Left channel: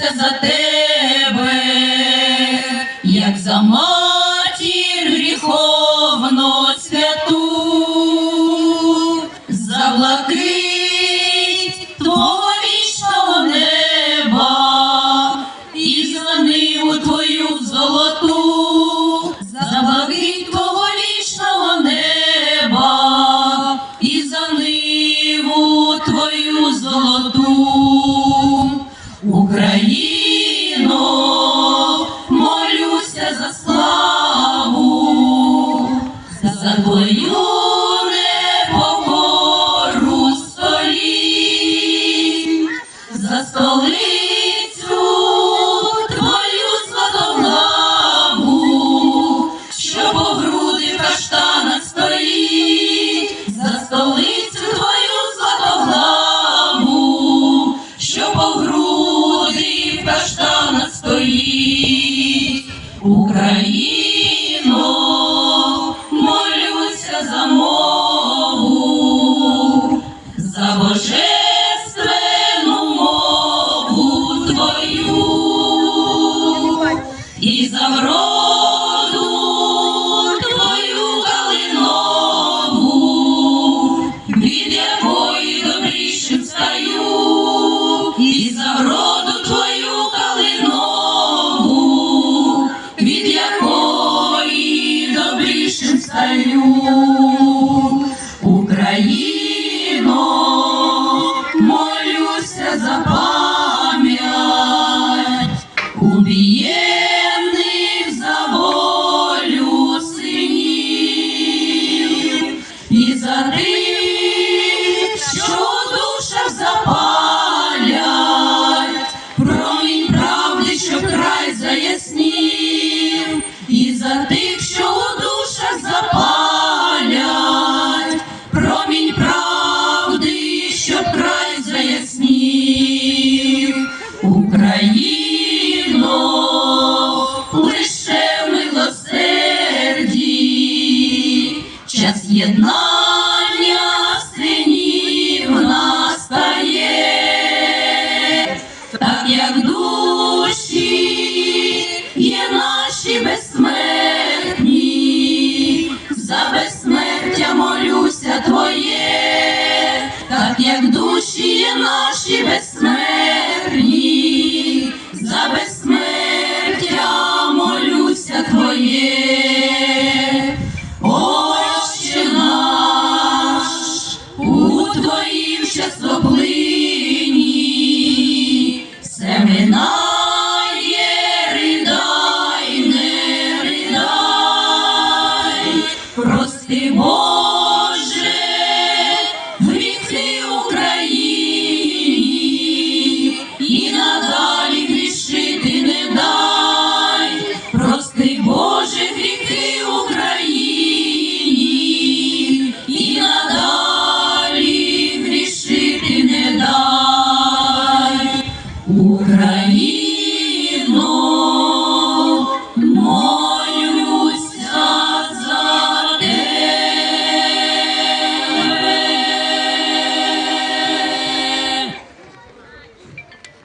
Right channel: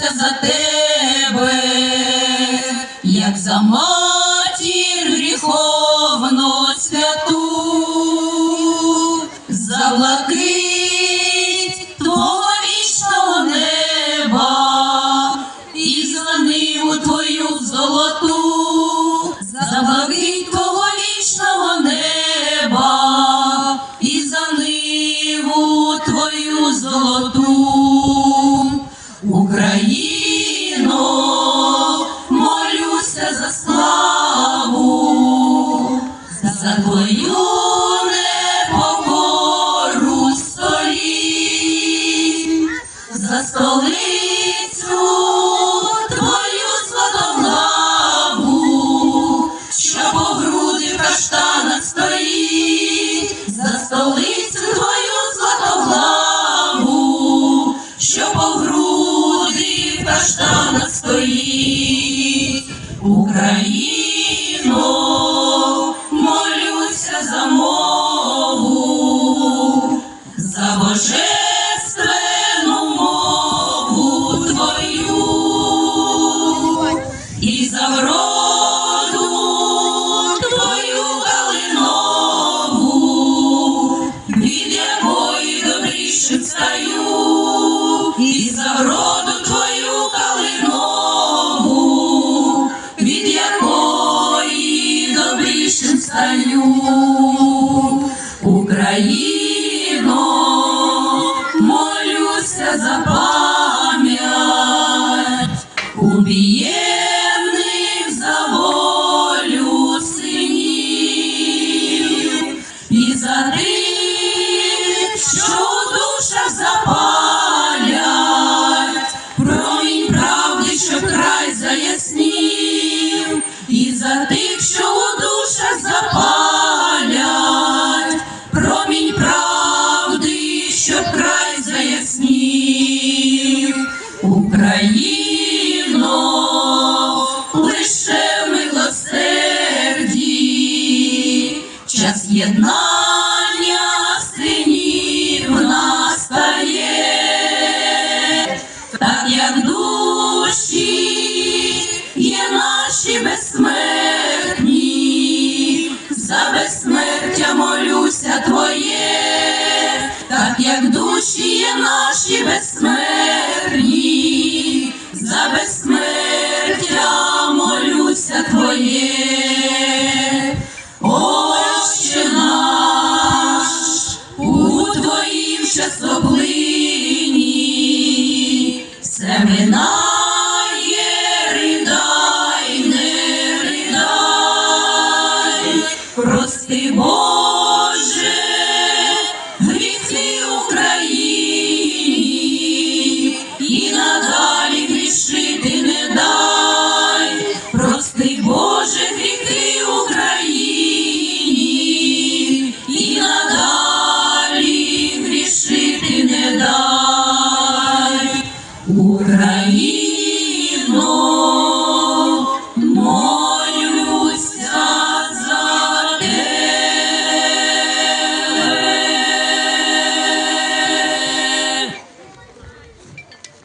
молюся столицю твою златоглаву, що по груди в стоїть, за столицю твою златоглаву, що по груди в каштанах стоїть, Україно, Україно, молюся за пам'ять Ще з'єднання синів нас стає, так як душі є наші безсмертні, за безсмертя молюся Твоє, так як душі є наші безсмертні, за безсмертя молюся Твоє. твоїм щасливим.